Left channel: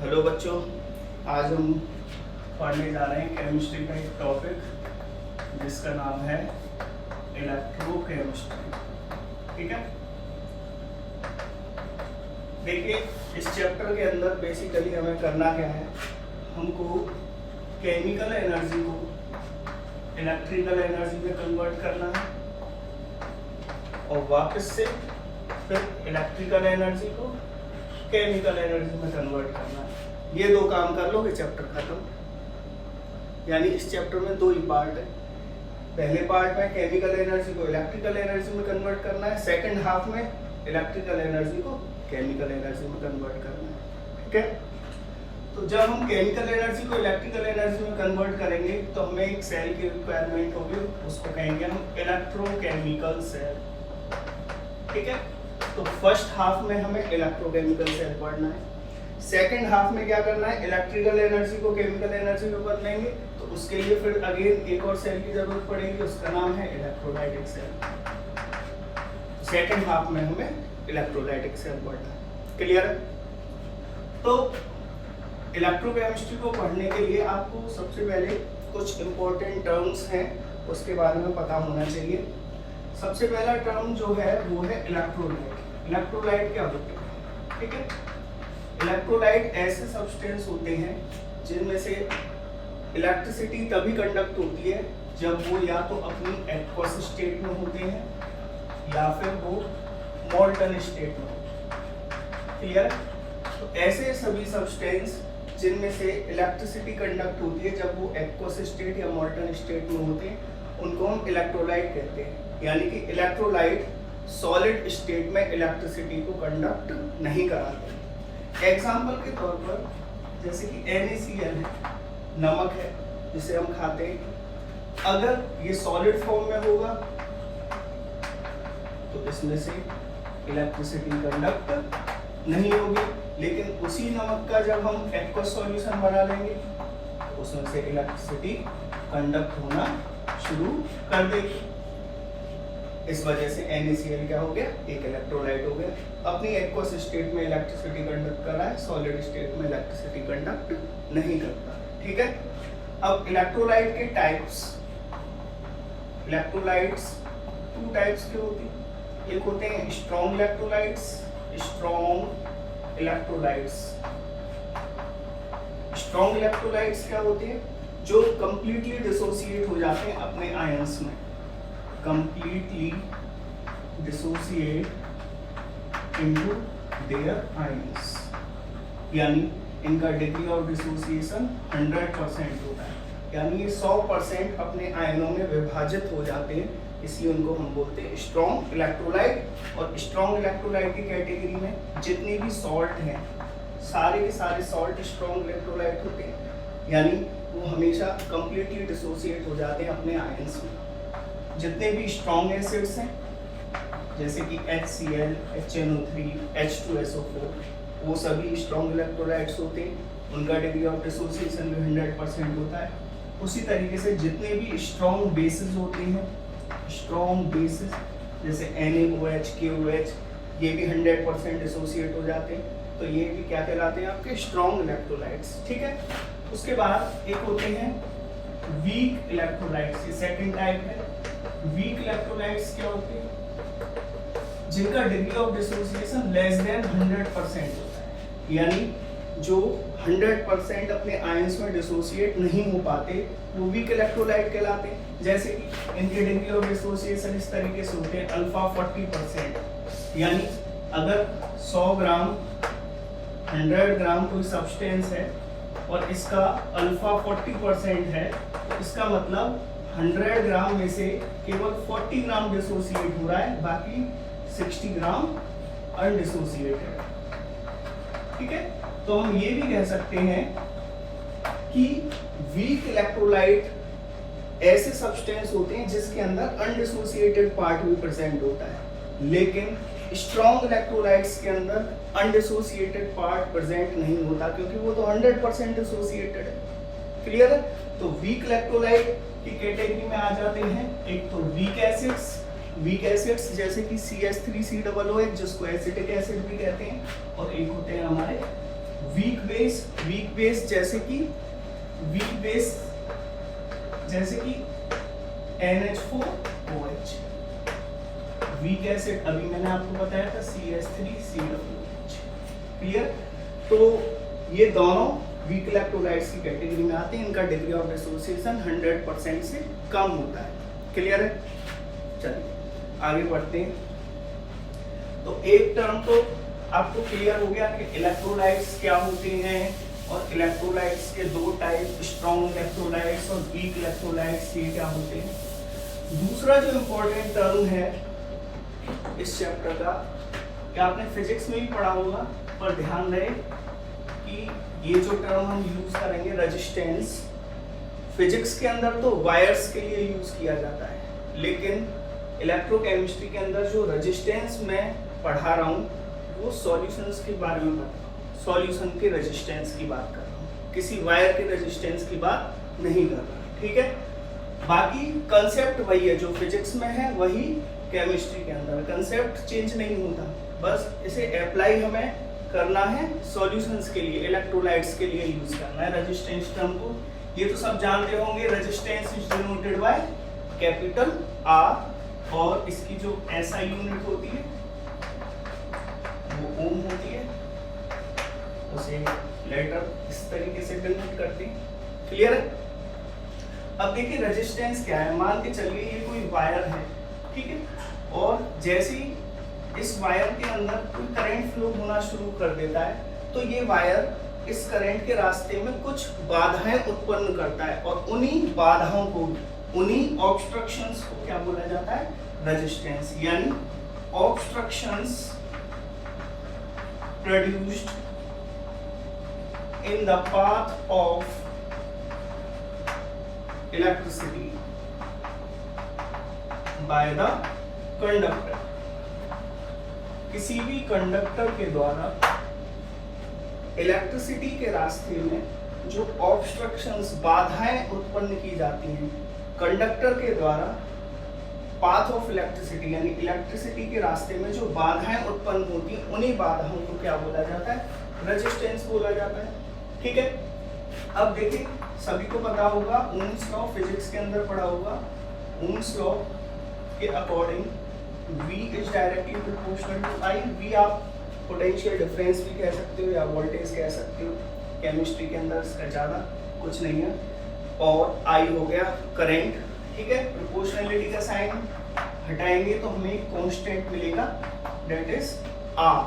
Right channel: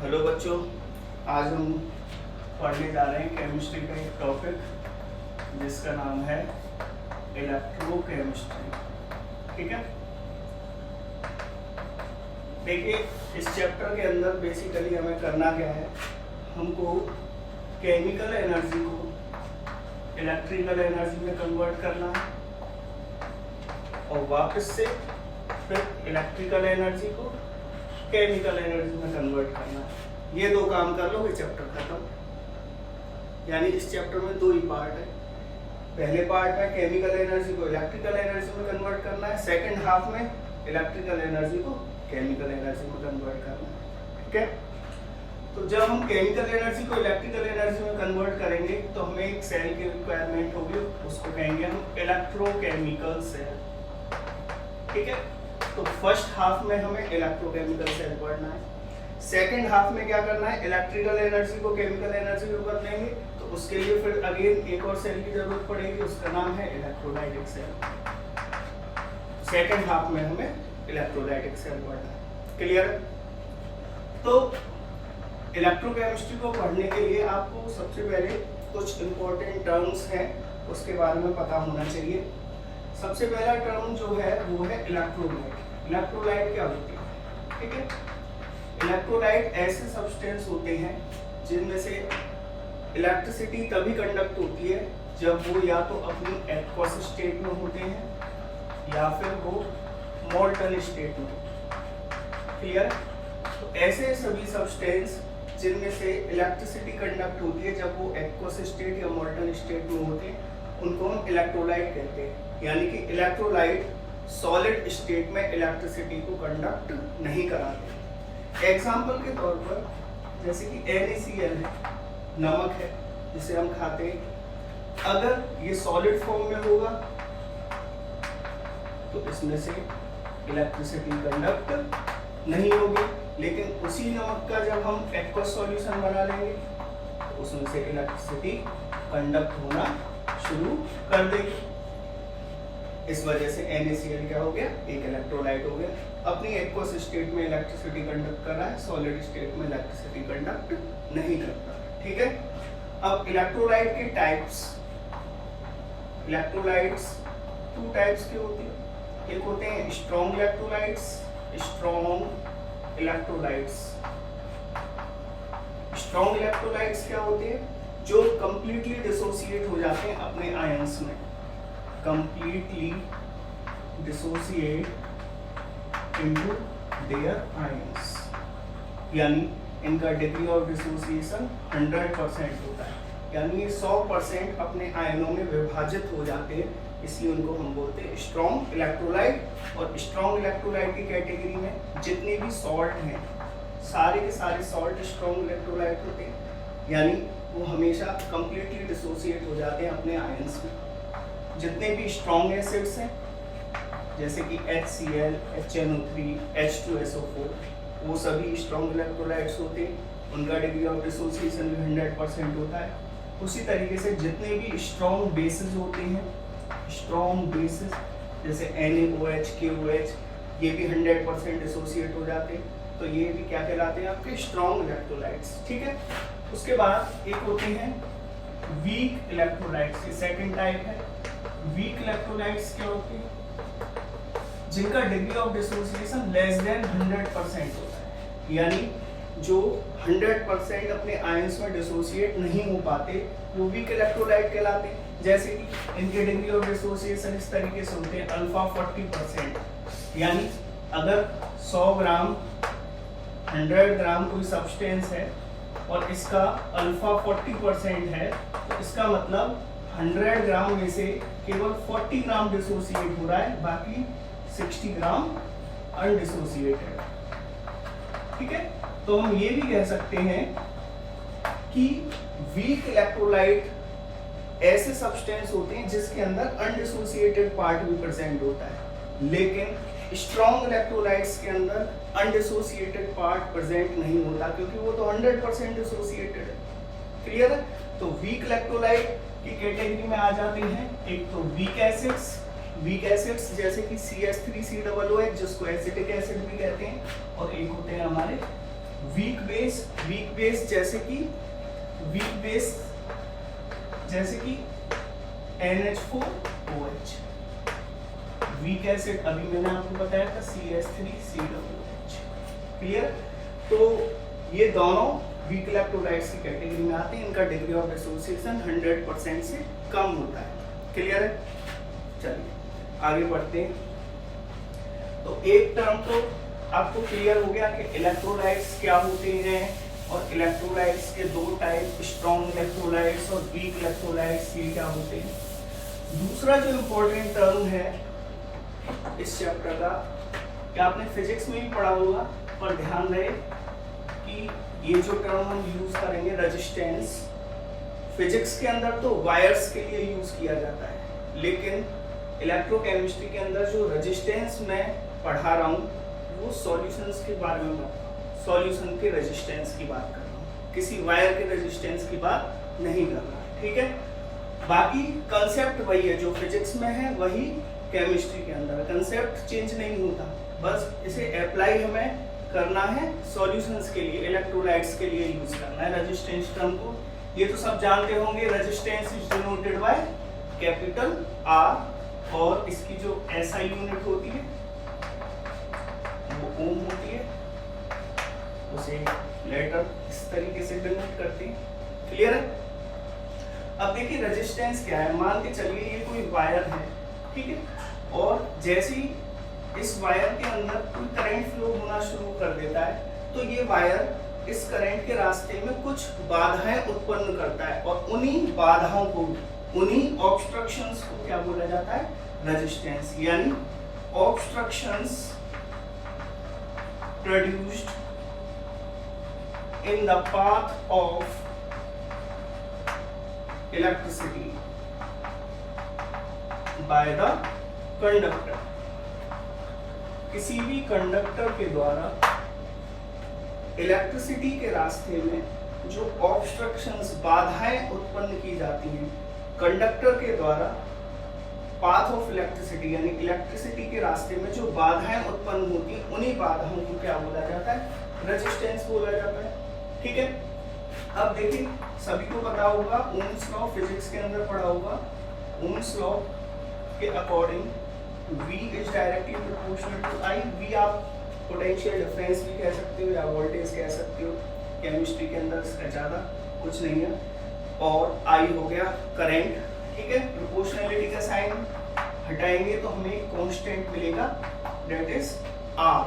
Hello बच्चों, आज हम पढ़ने जा रहे हैं केमिस्ट्री का एक टॉपिक जिसका नाम है इलेक्ट्रोकेमिस्ट्री। ठीक है, देखिए इस चैप्टर के अंदर बेसिकली हमें करना क्या है, हमको केमिकल एनर्जी को इलेक्ट्रिकल एनर्जी में कन्वर्ट करना है और वापस से फिर इलेक्ट्रिकल एनर्जी को केमिकल एनर्जी में कन्वर्ट करना है। ये दो काम कर लो, ये चैप्टर खत्म। यानी इस चैप्टर में दो ही पार्ट है। पहले पार्ट में केमिकल एनर्जी को इलेक्ट्रिकल एनर्जी में कन्वर्ट करना है, सेकंड हाफ में इलेक्ट्रिकल एनर्जी को केमिकल एनर्जी में कन्वर्ट करना है। ठीक है, तो जब हम केमिकल एनर्जी को इलेक्ट्रिकल एनर्जी में कन्वर्ट करेंगे तो हमें एक सेल की रिक्वायरमेंट होगी, उसको कहेंगे हम इलेक्ट्रोकेमिकल सेल। ठीक है, तो फर्स्ट हाफ में हमें इलेक्ट्रोकेमिकल सेल पढ़ना है, सेकंड हाफ में क्या करना है, इलेक्ट्रिकल एनर्जी को केमिकल एनर्जी में बदलेंगे। तो उसके लिए फिर अगेन एक और सेल की जरूरत पड़ेगी, उसका नाम है इलेक्ट्रोलाइटिक सेल। सेकंड हाफ में हमें इलेक्ट्रोलाइटिक सेल पढ़ना है। क्लियर है? तो इलेक्ट्रोकेमिस्ट्री को पढ़ने के लिए आपको सबसे पहले कुछ इंपॉर्टेंट टर्म्स हैं, उसके बारे में पता होना चाहिए। सबसे पहला टर्म जो है वो है इलेक्ट्रोलाइट। इलेक्ट्रोलाइट क्या होती है? ठीक है, इलेक्ट्रोलाइट ऐसे सब्सटेंस होते हैं जिनमें से इलेक्ट्रिसिटी तभी कंडक्ट होती है जब वो या तो अपनी एक्वस स्टेट में होते हैं या फिर वो मोल्टन स्टेट में होते हैं। क्लियर है? तो ऐसे सभी सब्सटेंस जिनमें से इलेक्ट्रिसिटी कंडक्ट होती है जब वो एक्वस स्टेट या मोल्टन स्टेट में होते हैं, उनको हम इलेक्ट्रोलाइट कहते हैं। यानी कि इलेक्ट्रोलाइट सॉलिड स्टेट में इलेक्ट्रिसिटी को कंडक्ट नहीं कराते। एग्जाम्पल के तौर पर जैसे कि NaCl है, नमक है जिसे हम खाते हैं, अगर ये सॉलिड फॉर्म में होगा तो इसमें से इलेक्ट्रिसिटी कंडक्ट नहीं होगी, लेकिन उसी नमक का जब हम एक्वस सॉल्यूशन बना लेंगे तो उसमें से इलेक्ट्रिसिटी कंडक्ट होना शुरू कर देगी। इस वजह से NaCl क्या हो गया, एक इलेक्ट्रोलाइट हो गया। अपनी एक्वस स्टेट में इलेक्ट्रिसिटी कंडक्ट कर रहा है, सॉलिड स्टेट में इलेक्ट्रिसिटी कंडक्ट नहीं करता। ठीक है, अब इलेक्ट्रोलाइट के टाइप्स। इलेक्ट्रोलाइट्स टू टाइप्स के होते हैं, एक होते हैं strong electrolytes. Strong electrolytes strong electrolytes क्या होते हैं, जो कंप्लीटली डिसोसिएट हो जाते हैं अपने आयंस में, completely dissociate into their ions। यानी इनका डिग्री ऑफ डिसोसिएशन 100% होता है, यानी ये 100% अपने आयनों में विभाजित हो जाते हैं, इसलिए उनको हम बोलते हैं स्ट्रॉन्ग इलेक्ट्रोलाइट। और स्ट्रॉन्ग इलेक्ट्रोलाइट की कैटेगरी में जितने भी सॉल्ट हैं, सारे के सारे सॉल्ट स्ट्रॉन्ग इलेक्ट्रोलाइट होते हैं, यानी वो हमेशा कंप्लीटली डिसोसिएट हो जाते हैं अपने आयंस में। जितने भी स्ट्रॉन्ग एसिड्स हैं जैसे कि HCl, HNO3, H2SO4, वो सभी स्ट्रॉन्ग इलेक्ट्रोलाइट्स होते हैं, उनका डिग्री ऑफ डिसोसिएशन भी 100% होता है। उसी तरीके से जितने भी स्ट्रॉन्ग बेसिस होते हैं, स्ट्रॉन्ग बेसिस जैसे NaOH, KOH, ये भी 100% डिसोसिएट हो जाते हैं, तो ये भी क्या कहलाते हैं, आपके स्ट्रॉन्ग इलेक्ट्रोलाइट्स। ठीक है, उसके बाद एक होते हैं वीक इलेक्ट्रोलाइट्स, ये सेकंड टाइप है। वीक इलेक्ट्रोलाइट्स क्या होते हैं, जिनका degree of dissociation less than 100% होता है, यानी जो 100% अपने आयंस में डिसोसिएट नहीं हो पाते, वो वीक इलेक्ट्रोलाइट कहलाते हैं। जैसे कि इनकी डिग्री ऑफ डिसोसिएशन इस तरीके से होते हैं, अल्फा 40%, यानी अगर 100 ग्राम 100 ग्राम कोई सब्सटेंस है और इसका अल्फा 40% है, तो इसका मतलब 100 ग्राम में से केवल 40 ग्राम डिसोसिएट हो रहा है, बाकी 60 ग्राम अनडिसोसिएटेड। ठीक है, तो हम ये भी कह सकते हैं कि वीक इलेक्ट्रोलाइट ऐसे सब्सटेंस होते हैं जिसके अंदर अनडिसोसिएटेड पार्ट भी प्रेजेंट होता है, लेकिन स्ट्रॉन्ग इलेक्ट्रोलाइट्स के अंदर अनडिसोसिएटेड पार्ट प्रेजेंट नहीं होता, क्योंकि वो तो 100% डिसोसिएटेड है। क्लियर है? तो वीक इलेक्ट्रोलाइट की कैटेगरी में आ जाते हैं एक तो वीक एसिड्स जैसे कि CH3COOH जिसको एसिटिक एसिड भी कहते हैं, और एक होते हैं हमारे वीक बेस जैसे कि NH4OH। वीक एसिड अभी मैंने आपको बताया था CH3COOH। क्लियर? तो ये दोनों वीक इलेक्ट्रोलाइट्स की कैटेगरी में आते हैं, इनका डिग्री ऑफ डिसोसिएशन 100% से कम होता है। क्लियर है? चलिए आगे बढ़ते हैं। तो एक टर्म तो आपको क्लियर हो गया कि इलेक्ट्रोलाइट्स क्या होते हैं, और इलेक्ट्रोलाइट्स के दो टाइप, स्ट्रॉन्ग इलेक्ट्रोलाइट्स और वीक इलेक्ट्रोलाइट्स ये क्या होते हैं। दूसरा जो इम्पोर्टेंट टर्म है इस चैप्टर का, क्या आपने फिजिक्स में भी पढ़ा होगा, पर ध्यान रहे कि ये जो टर्म हम यूज करेंगे रेजिस्टेंस, फिजिक्स के अंदर तो वायर्स के लिए यूज किया जाता है, लेकिन इलेक्ट्रोकेमिस्ट्री के अंदर जो रेजिस्टेंस मैं पढ़ा रहा हूँ वो सॉल्यूशंस के बारे में पढ़ा रहा हूँ, सॉल्यूशन के रेजिस्टेंस की बात कर रहा हूँ, किसी वायर के रेजिस्टेंस की बात नहीं कर रहा। ठीक है? बाकी कंसेप्ट वही है जो फिजिक्स में है, वही केमिस्ट्री के अंदर, कंसेप्ट चेंज नहीं होता, बस इसे अप्लाई हमें करना है सॉल्यूशंस के लिए, इलेक्ट्रोलाइट्स के लिए यूज करना है रेजिस्टेंस टर्म को। ये तो सब जानते होंगे, resistance is denoted by capital R, और इसकी जो SI यूनिट होती है वो ओम होती है, उसे लेटर इस तरीके से डिनोट करते हैं। क्लियर है? अब देखिए रेजिस्टेंस क्या है। मान के चलिए ये कोई वायर है, ठीक है, और जैसे ही इस वायर के अंदर कोई करंट फ्लो होना शुरू कर देता है, तो ये वायर इस करंट के रास्ते में कुछ बाधाएं उत्पन्न करता है, और उन्हीं बाधाओं को, उन्हीं ऑब्स्ट्रक्शंस को क्या बोला जाता है? रेजिस्टेंस। यानी obstructions produced in the path of electricity by the conductor. किसी भी कंडक्टर के द्वारा इलेक्ट्रिसिटी के रास्ते में जो ऑब्स्ट्रक्शंस, बाधाएं उत्पन्न की जाती हैं कंडक्टर के द्वारा, पाथ ऑफ इलेक्ट्रिसिटी यानी इलेक्ट्रिसिटी के रास्ते में जो बाधाएं उत्पन्न होती हैं, उन्हीं बाधाओं को क्या बोला जाता है? रेजिस्टेंस बोला जाता है। ठीक है? अब देखिए सभी को पता होगा, ओम्स लॉ फिजिक्स के अंदर पढ़ा होगा, ओम्स लॉ के according V is directly proportional to I। V आप पोटेंशियल डिफरेंस भी कह सकते हो या वोल्टेज कह सकते हो, केमिस्ट्री के अंदर इसका ज़्यादा कुछ नहीं है, और I हो गया करंट। ठीक है? प्रोपोर्शनलिटी का साइन हटाएंगे तो हमें कांस्टेंट मिलेगा, दैट इज R।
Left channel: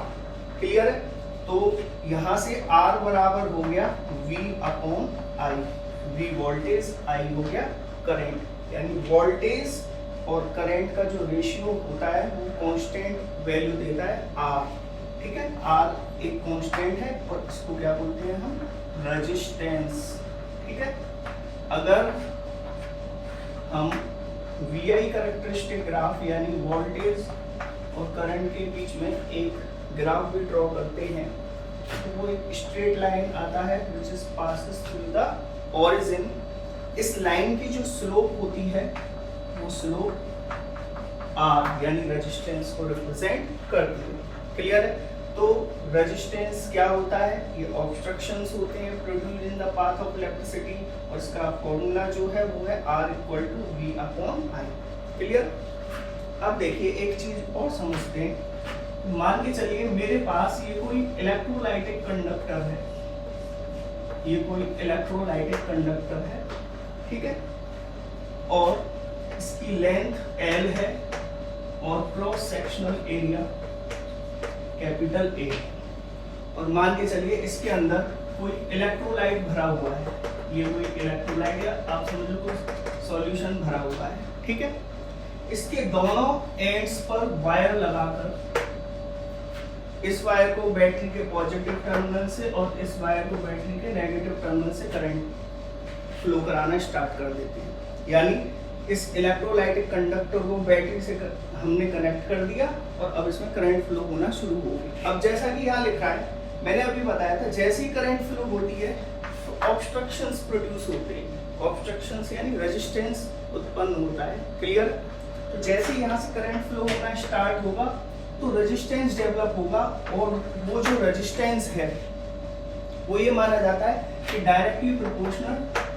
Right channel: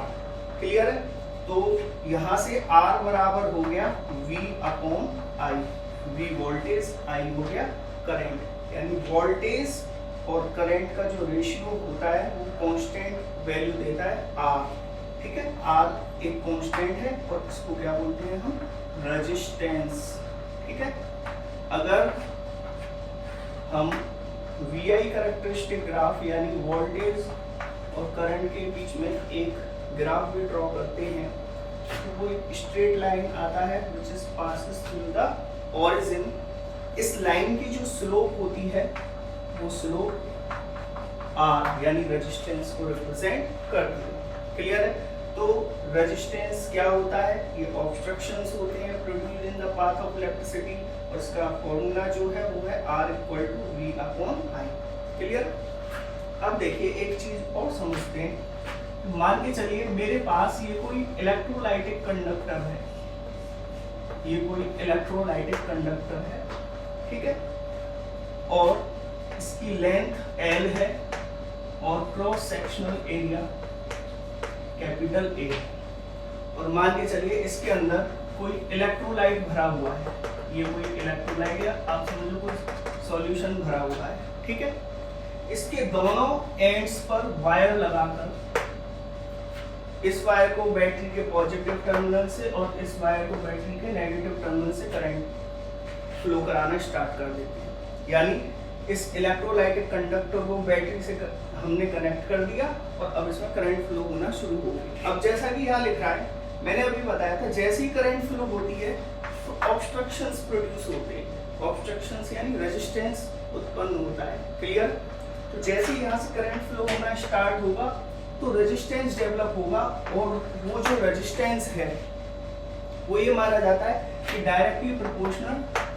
क्लियर है? तो यहाँ से R बराबर हो गया V/I, V वोल्टेज, I हो गया करंट, यानी वोल्टेज और करंट का जो रेशियो होता है वो कांस्टेंट वैल्यू देता है R। ठीक है? R एक कांस्टेंट है और इसको क्या बोलते हैं हम? रेजिस्टेंस। ठीक है? अगर हम VI कैरेक्टरिस्टिक ग्राफ यानी वोल्टेज और करंट के बीच में एक ग्राफ भी ड्रॉ करते हैं, तो वो एक स्ट्रेट लाइन आता है which is passes through the origin। इस लाइन की जो स्लोप होती है वो स्लोप R यानी रेजिस्टेंस को रिप्रेजेंट करती है। क्लियर है? तो रेजिस्टेंस क्या होता है? ये ऑब्स्ट्रक्शंस होते हैं produced in the path of electricity, और इसका फॉर्मूला जो है वो है R=V/I। क्लियर? अब देखिए एक चीज और समझते हैं। मान के चलिए मेरे पास ये कोई इलेक्ट्रोलाइटिक कंडक्टर है, ये कोई इलेक्ट्रोलाइटिक कंडक्टर है, ठीक है, और इसकी लेंथ L है और cross sectional area capital A, और मान के चलिए इसके अंदर कोई इलेक्ट्रोलाइट भरा हुआ है, ये कोई इलेक्ट्रोलाइट या आप समझ लो कोई सॉल्यूशन भरा हुआ है। ठीक है? इसके दोनों एंड्स पर वायर लगाकर इस वायर को बैटरी के पॉजिटिव टर्मिनल से और इस वायर को बैटरी के नेगेटिव टर्मिनल से करंट फ्लो कराना स्टार्ट कर देते हैं। यानी इस इलेक्ट्रोलाइटिक कंडक्टर को बैटरी से हमने कनेक्ट कर दिया और अब इसमें करंट फ्लो होना शुरू हो गई। अब जैसा कि यहाँ लिखा है, मैंने अभी बताया था, जैसे ही करंट फ्लो होती है तो ऑब्स्ट्रक्शंस प्रोड्यूस होते हैं। ऑब्स्ट्रक्शंस यानी रेजिस्टेंस उत्पन्न होता है। क्लियर? तो जैसे ही यहाँ से करंट फ्लो होना स्टार्ट होगा तो रेजिस्टेंस डेवलप होगा, और वो जो रेजिस्टेंस है वो ये माना जाता है कि directly proportional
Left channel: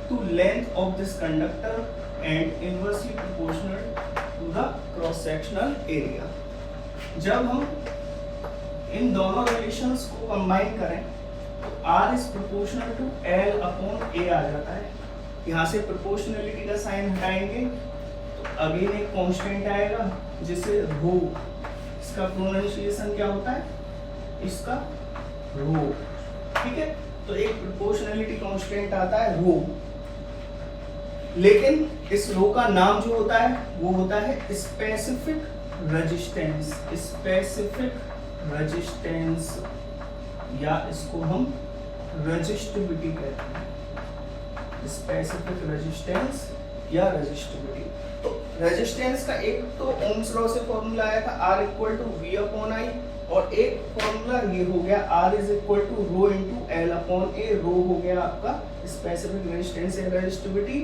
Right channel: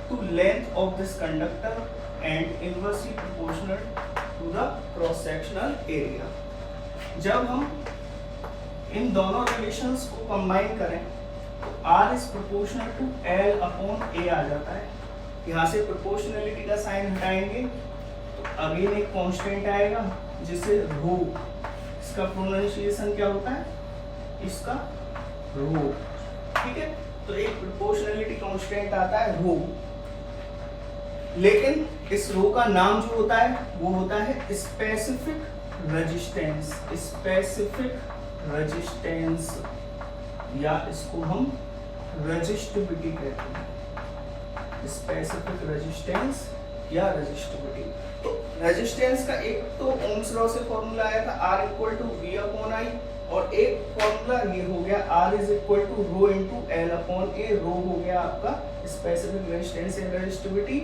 to length of this conductor and inversely proportional to the cross sectional area. जब हम इन दोनों रिलेशंस को कंबाइन करें तो R is proportional to L upon A आ जाता है। यहाँ से प्रोपोर्शनलिटी का साइन हटाएंगे तो अगेन एक कांस्टेंट आएगा जिसे रो, इसका प्रोनाउंसिएशन क्या होता है, इसका रो, ठीक है। तो एक प्रोपोर्शनलिटी कांस्टेंट आता है रो, लेकिन इस रो का नाम जो होता है वो होता है स्पेसिफिक रेजिस्टेंस, स्पेसिफिक रेजिस्टेंस, या इसको हम रेजिस्टिविटी कहते हैं, स्पेसिफिक रेजिस्टेंस या रेजिस्टिविटी। तो रेजिस्टेंस का एक तो ओम्स लॉ से फॉर्मूला आया था R equal to V upon I, और एक फॉर्मूला ये हो गया R is equal to rho into L upon A। Rho हो गया आपका स्पेसिफिक रेजिस्टेंस या रेजिस्टिविटी,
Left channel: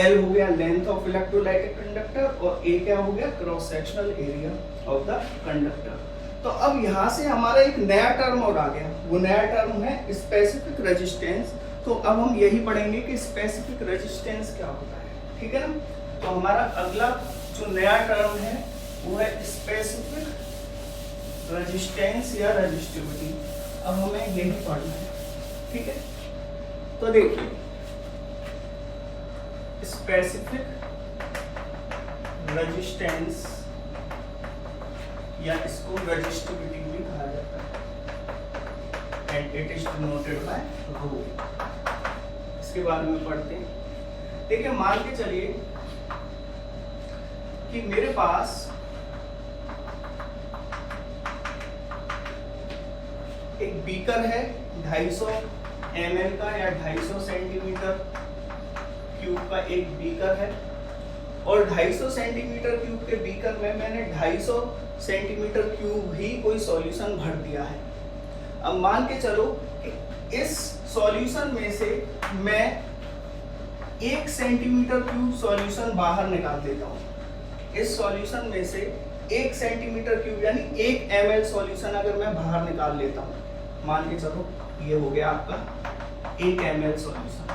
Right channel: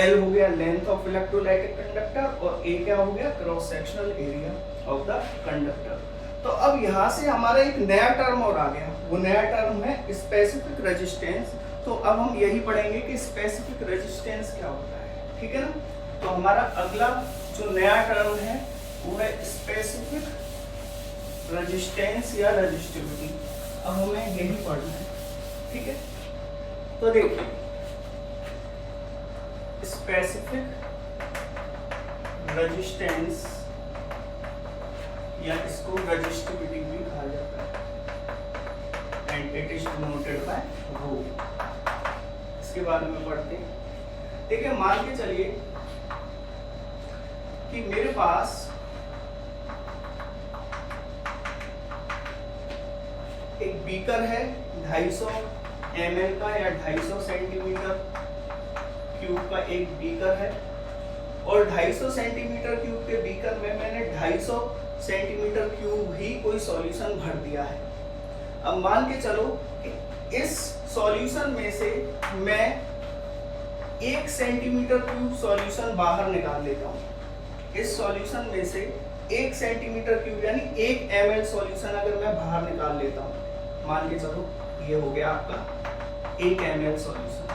L हो गया लेंथ ऑफ इलेक्ट्रोलाइटिक कंडक्टर, और A क्या हो गया, cross sectional area of the conductor. तो अब यहाँ से हमारा एक नया टर्म और आ गया, वो नया टर्म है स्पेसिफिक रेजिस्टेंस। तो अब हम यही पढ़ेंगे कि स्पेसिफिक रेजिस्टेंस क्या होता है, ठीक है ना। तो हमारा अगला जो नया टर्म है वो है स्पेसिफिक रेजिस्टेंस या रेजिस्टिविटी। अब हमें यही पढ़ना है, ठीक है। तो देखिए स्पेसिफिक रेजिस्टेंस या इसको रेजिस्टिविटी भी कहा जाता है, and it is denoted by rho. इसके बारे में पढ़ते हैं। देखिए मान के चलिए कि मेरे पास एक बीकर है 250 ml का या 250 सेंटीमीटर क्यूब का एक बीकर है, और 250 सेंटीमीटर क्यूब के बीकर में मैंने 250 सेंटीमीटर क्यूब ही कोई सॉल्यूशन भर दिया है। अब मान के चलो कि इस सॉल्यूशन में से मैं 1 सेंटीमीटर क्यूब सॉल्यूशन बाहर निकाल देता हूँ। इस सॉल्यूशन में से 1 सेंटीमीटर क्यूब यानी 1 ml सॉल्यूशन अगर मैं बाहर निकाल लेता हूँ, मान के चलो ये हो गया आपका 1 ml सॉल्यूशन,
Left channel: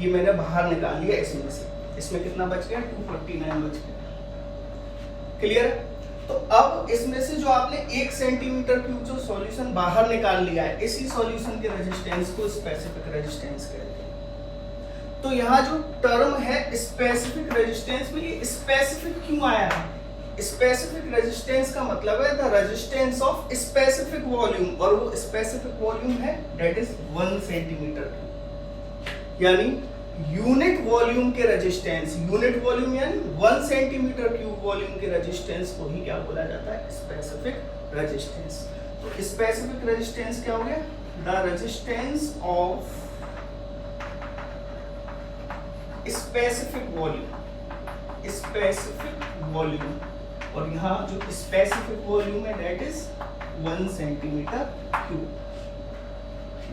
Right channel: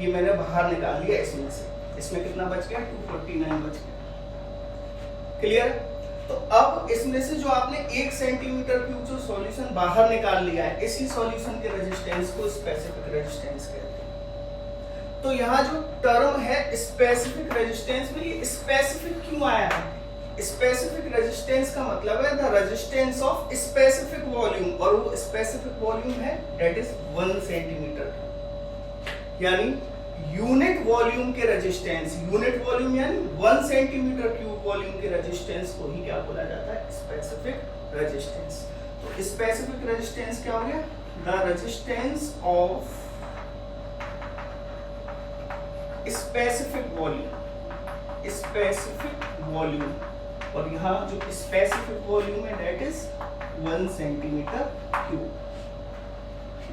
ये मैंने बाहर निकाल लिया इसमें से। इसमें कितना बच गया, 249 बच गया, क्लियर। तो अब इसमें से जो आपने 1 सेंटीमीटर क्यूब जो सॉल्यूशन बाहर निकाल लिया है, इसी सॉल्यूशन के रेजिस्टेंस को स्पेसिफिक रेजिस्टेंस कहते हैं। तो यहाँ जो टर्म है स्पेसिफिक रेजिस्टेंस में, ये स्पेसिफिक क्यों आया है, स्पेसिफिक रेजिस्टेंस का मतलब है the resistance of specific volume, और वो स्पेसिफिक वॉल्यूम है दैट इज 1 सेंटीमीटर क्यूब, यानी यूनिट वॉल्यूम के रेजिस्टेंस, यूनिट वॉल्यूम यानी 1 सेंटीमीटर क्यूब वॉल्यूम के रेजिस्टेंस को ही क्या बोला जाता है, स्पेसिफिक रेजिस्टेंस। तो स्पेसिफिक रेजिस्टेंस क्या हो गया, the resistance of specific volume, specific volume, और यहाँ जो स्पेसिफिक वॉल्यूम है that is 1 centimetre cube.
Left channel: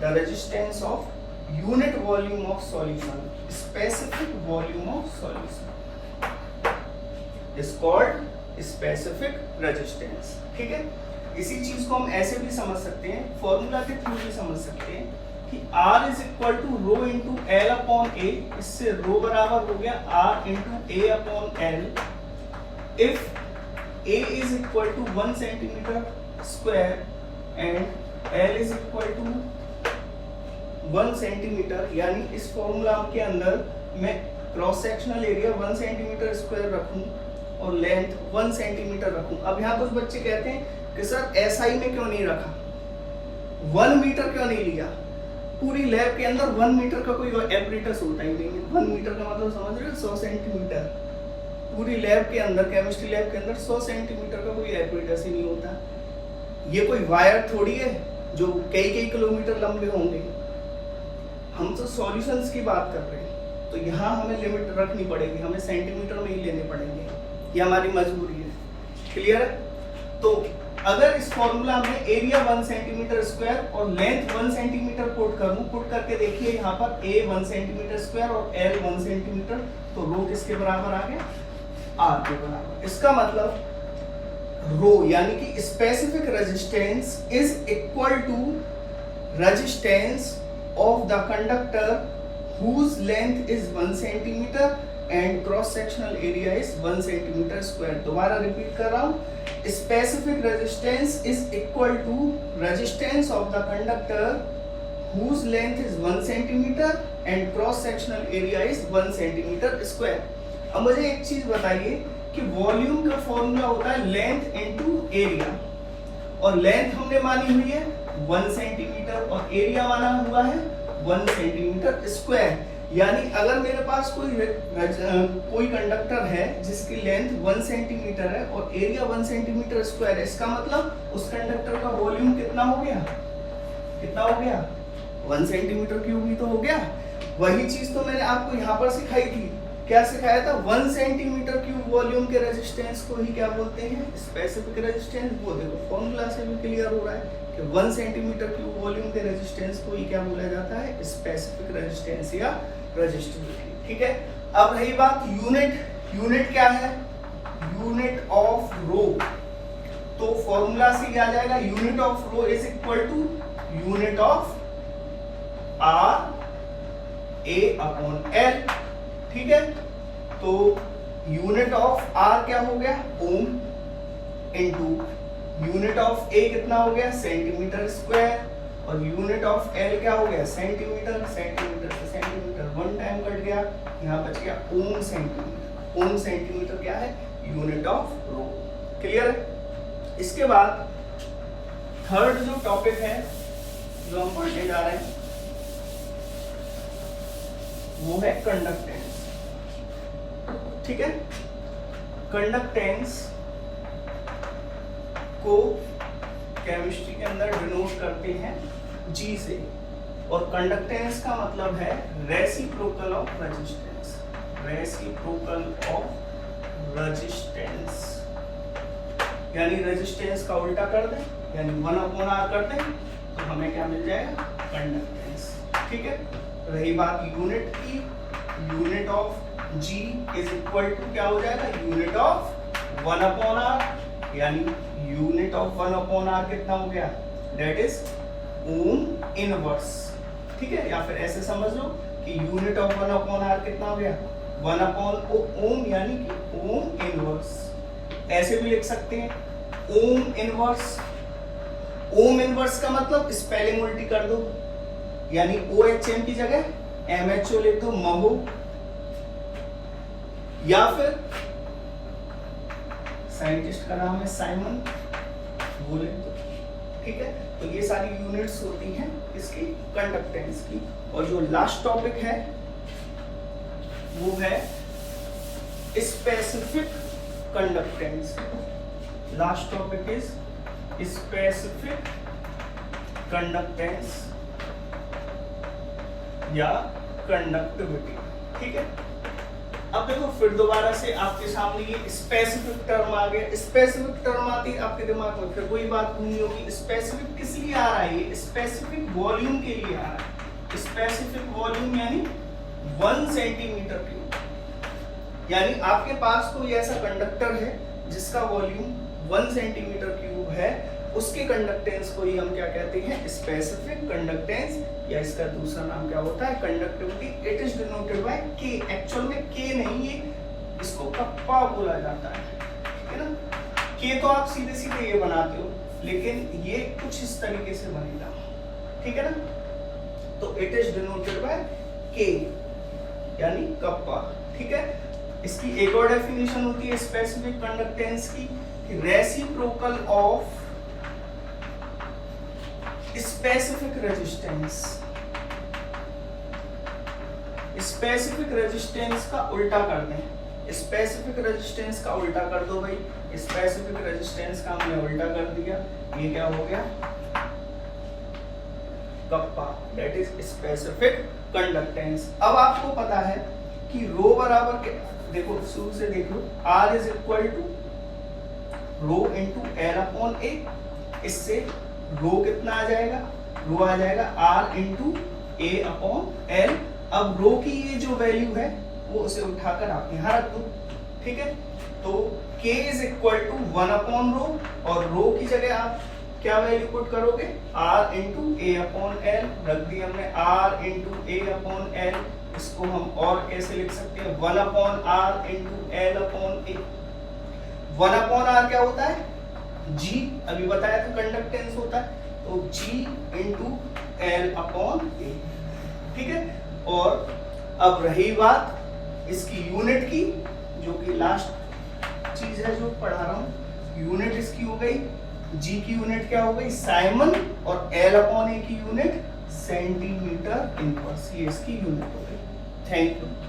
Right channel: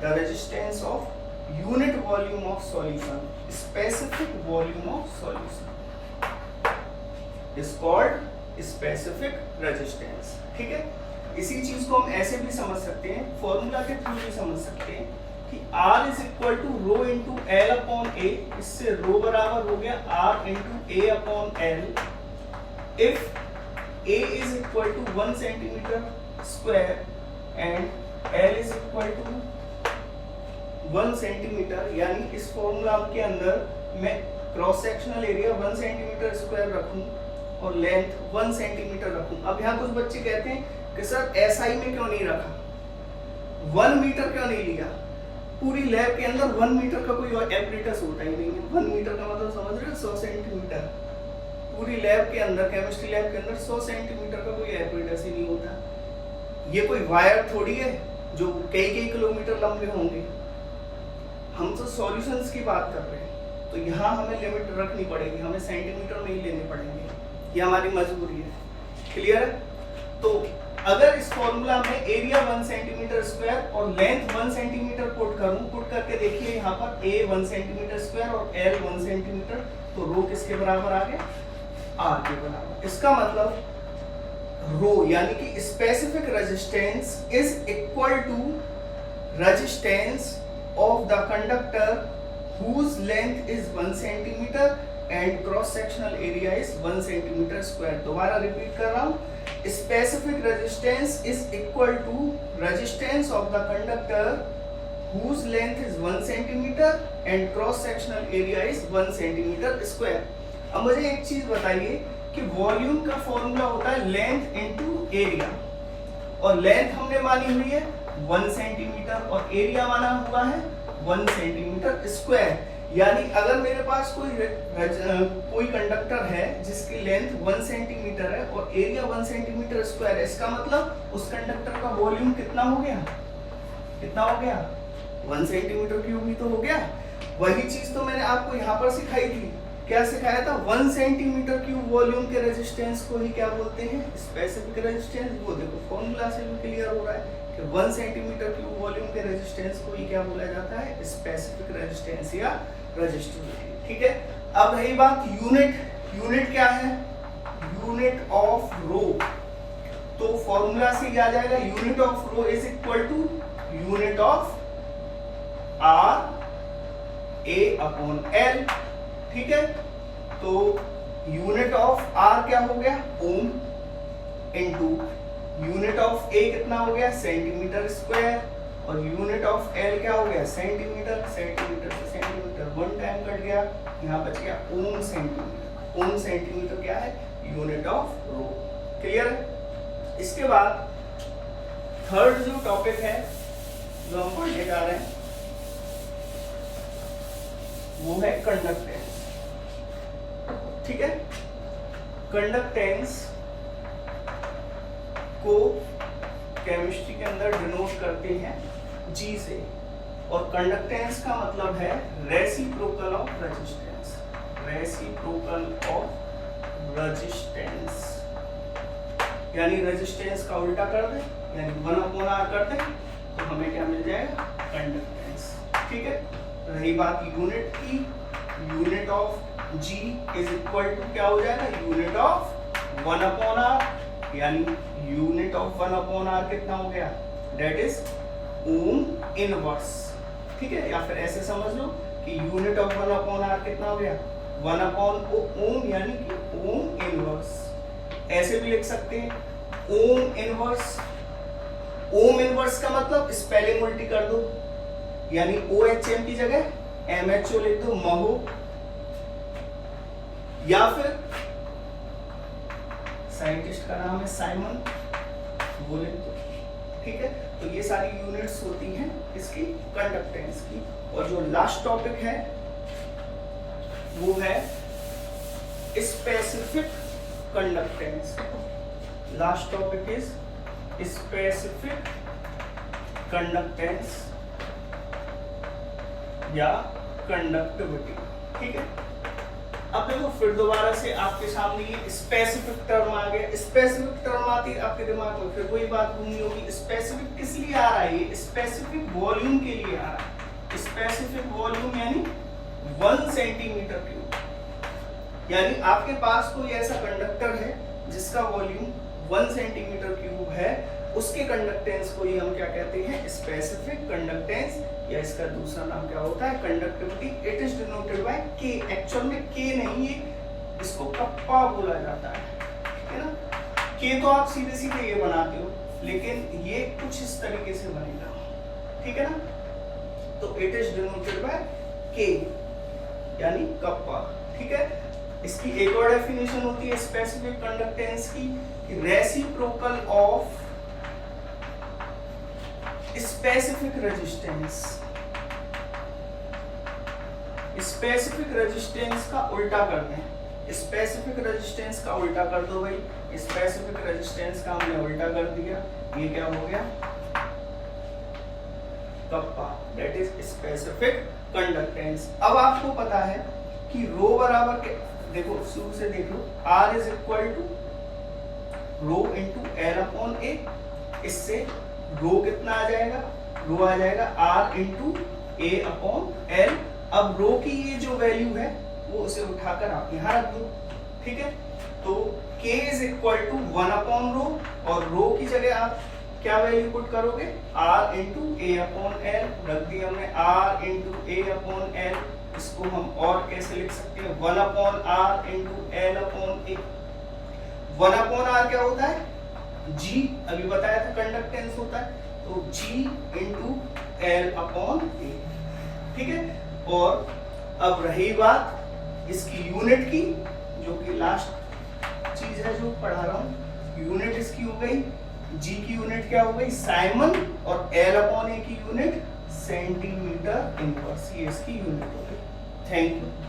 The resistance of unit volume of solution, specific volume of solution is called specific resistance, ठीक है। इसी चीज को हम ऐसे भी समझ सकते हैं, फॉर्मूला के थ्रू भी समझ सकते हैं कि R is equal to rho into L upon A, इससे रो बराबर हो गया R into A upon L, if A is equal to 1 centimetre square and L is equal to 1 centimetre, यानी इस फॉर्मूला के अंदर मैं cross sectional area 1 centimetre square रखूं और लेंथ 1 सेंटीमीटर रखूं। अब यहाँ कुछ बच्चे कहते हैं कि सर SI में क्यों नहीं रखा, 1 मीटर क्यों नहीं लिया। पूरी लैब के अंदर 1 मीटर का कोई एपरेटस होता ही नहीं है। 1 मीटर का मतलब समझ रहे हो, 100 सेंटीमीटर। पूरी लैब के अंदर, केमिस्ट्री लैब के अंदर 100 सेंटीमीटर का कोई एपरेटस ही नहीं होता। ये कोई वायर थोड़ी है जो कई कई किलोमीटर लंबे होंगे। हम तो सॉल्यूशंस की बात कर रहे हैं, तो यहाँ हमें लिमिट रखनी पड़ेगी, हमें सेंटीमीटर में ही लेने पड़ेंगे, ये हमारी मजबूरी है। क्लियर? तो अगर इस फॉर्मूला में एरिया 1 सेंटीमीटर स्क्वायर और लेंथ 1 सेंटीमीटर पुट करूं, पुट करके देखिए यहाँ पर A 1 सेंटीमीटर स्क्वायर और L 1 सेंटीमीटर, तो रो किसके बराबर आ गए, R के बराबर। इसका मतलब रो यानी कि specific resistance is equal to resistance of the conductor whose length is 1 centimeter and cross sectional area is 1 centimeter square. दोबारा रिपीट कर रहा हूँ, specific resistance is equal to resistance of the conductor whose length is 1 centimeter and cross sectional area is 1 centimeter square. अब मुझे एक चीज बताइए कि वॉल्यूम का फॉर्मूला होता है लेंथ इनटू एरिया, और लेंथ हमने मानी हुई है 1 सेंटीमीटर और एरिया माना हुआ है 1 सेंटीमीटर स्क्वायर। यानी अगर मेरे पास कोई कंडक्टर है जिसकी लेंथ 1 सेंटीमीटर है और एरिया 1 सेंटीमीटर स्क्वायर है, इसका मतलब उस कंडक्टर का वॉल्यूम कितना हो गया, कितना हो गया, 1 सेंटीमीटर क्यूब ही तो हो गया। वही चीज तो मैंने आपको यहाँ पर सिखाई थी, क्या सिखाया था, 1 सेंटीमीटर क्यूब वॉल्यूम के रेजिस्टेंस को ही क्या बोलते हैं, स्पेसिफिक रेजिस्टेंस। वो देखो फॉर्मूला से भी क्लियर हो रहा है कि 1 सेंटीमीटर क्यूब वॉल्यूम के रेजिस्टेंस को ही क्या बोला जाता है, स्पेसिफिक रेजिस्टेंस या रेजिस्टिविटी। ठीक है, अब रही बात यूनिट, यूनिट क्या है, यूनिट ऑफ रो। तो फॉर्मूला से क्या आ जाएगा, unit of rho is equal to unit of R A upon L. ठीक है, तो यूनिट ऑफ आर क्या हो गया, ohm, into unit of A कितना हो गया, सेंटीमीटर स्क्वायर, और यूनिट ऑफ एल क्या हो गया, सेंटीमीटर, सेंटीमीटर से सेंटीमीटर 1 टाइम कट गया, यहाँ बच गया ओम सेंटीमीटर। ओम सेंटीमीटर क्या है, यूनिट ऑफ रो। क्लियर है। इसके बाद थर्ड जो टॉपिक है जो हम पढ़ने जा रहे हैं वो है कंडक्टेंस। ठीक है, कंडक्टेंस को केमिस्ट्री के अंदर डिनोट करते हैं जी से, और कंडक्टेंस का मतलब है reciprocal of resistance, reciprocal of resistance. यानी रेजिस्टेंस का उल्टा कर दें, यानी 1/r कर दें, तो हमें क्या मिल जाएगा, कंडक्टेंस। ठीक है, रही बात यूनिट की, unit of G is equal to क्या हो जाएगा, यूनिट ऑफ 1/r, यानी यूनिट ऑफ 1/r कितना हो गया, दैट इज ओम इनवर्स। ठीक है, या फिर ऐसे समझ लो कि यूनिट ऑफ 1/r कितना हो गया, 1/ओम, यानी कि ओम इनवर्स। ऐसे भी लिख सकते हैं ओम इनवर्स। ओम इनवर्स का मतलब स्पेलिंग उल्टी कर दो, यानी OHM की जगह MHO लिख दो, महो, या फिर साइंटिस्ट का नाम है साइमन, वो लिख दो। ठीक है, तो ये सारी यूनिट्स होती हैं इसकी कंडक्टेंस की। और जो लास्ट टॉपिक है वो है specific conductance. Last topic is specific conductance या कंडक्टिविटी। ठीक है, अब देखो फिर दोबारा से आपके सामने ये स्पेसिफिक टर्म आ गया। स्पेसिफिक टर्म आती है आपके दिमाग में, फिर कोई बात नहीं होगी, स्पेसिफिक किस लिए आ रहा है, ये स्पेसिफिक वॉल्यूम के लिए आ रहा है। स्पेसिफिक वॉल्यूम यानी 1 सेंटीमीटर क्यूब। यानी आपके पास कोई ऐसा कंडक्टर है जिसका वॉल्यूम 1 सेंटीमीटर क्यूब है, उसके कंडक्टेंस को ही हम क्या कहते हैं, स्पेसिफिक कंडक्टेंस, या इसका दूसरा नाम क्या होता है, conductivity. It is denoted bye के। एक्चुअल में के नहीं, ये इसको कप्पा बोला जाता है। ठीक है ना, के तो आप सीधे सीधे ये बनाते हो, लेकिन ये कुछ इस तरीके से बनेगा। ठीक है ना, तो इट इज डिनोटेड बाय के यानी कप्पा। ठीक है, इसकी एक और डेफिनेशन होती है स्पेसिफिक कंडक्टेंस की, reciprocal of specific resistance. Specific resistance का उल्टा कर दें, स्पेसिफिक रेजिस्टेंस का उल्टा कर दो भाई। स्पेसिफिक रेजिस्टेंस का हमने उल्टा कर दिया, ये क्या हो गया, kappa, that is specific conductance. अब आपको पता है कि रो बराबर के, देखो शुरू से देख लो, R is equal to rho into L upon A. इससे रो कितना आ जाएगा, रो आ जाएगा R into A upon L. अब रो की ये जो वैल्यू है वो उसे उठाकर आप यहां रख दो। ठीक है, तो K इज इक्वल टू 1/रो, और रो की जगह आप क्या वैल्यू पुट करोगे, r into A upon L, रख दिया हमने r into A upon L. इसको हम और कैसे लिख सकते हैं, 1 upon r into L upon A. 1 upon r क्या होता है, g, अभी बताया था कंडक्टेंस होता है, तो g इंटू एल अपॉन ए। ठीक है, और अब रही बात इसकी यूनिट की, जो कि लास्ट चीज है जो पढ़ा रहा हूं, यूनिट इसकी हो गई, जी की यूनिट क्या हो गई साइमन, और एल अपॉन ए की यूनिट सेंटीमीटर इनवर्स, ये इसकी यूनिट हो गई। Thank you.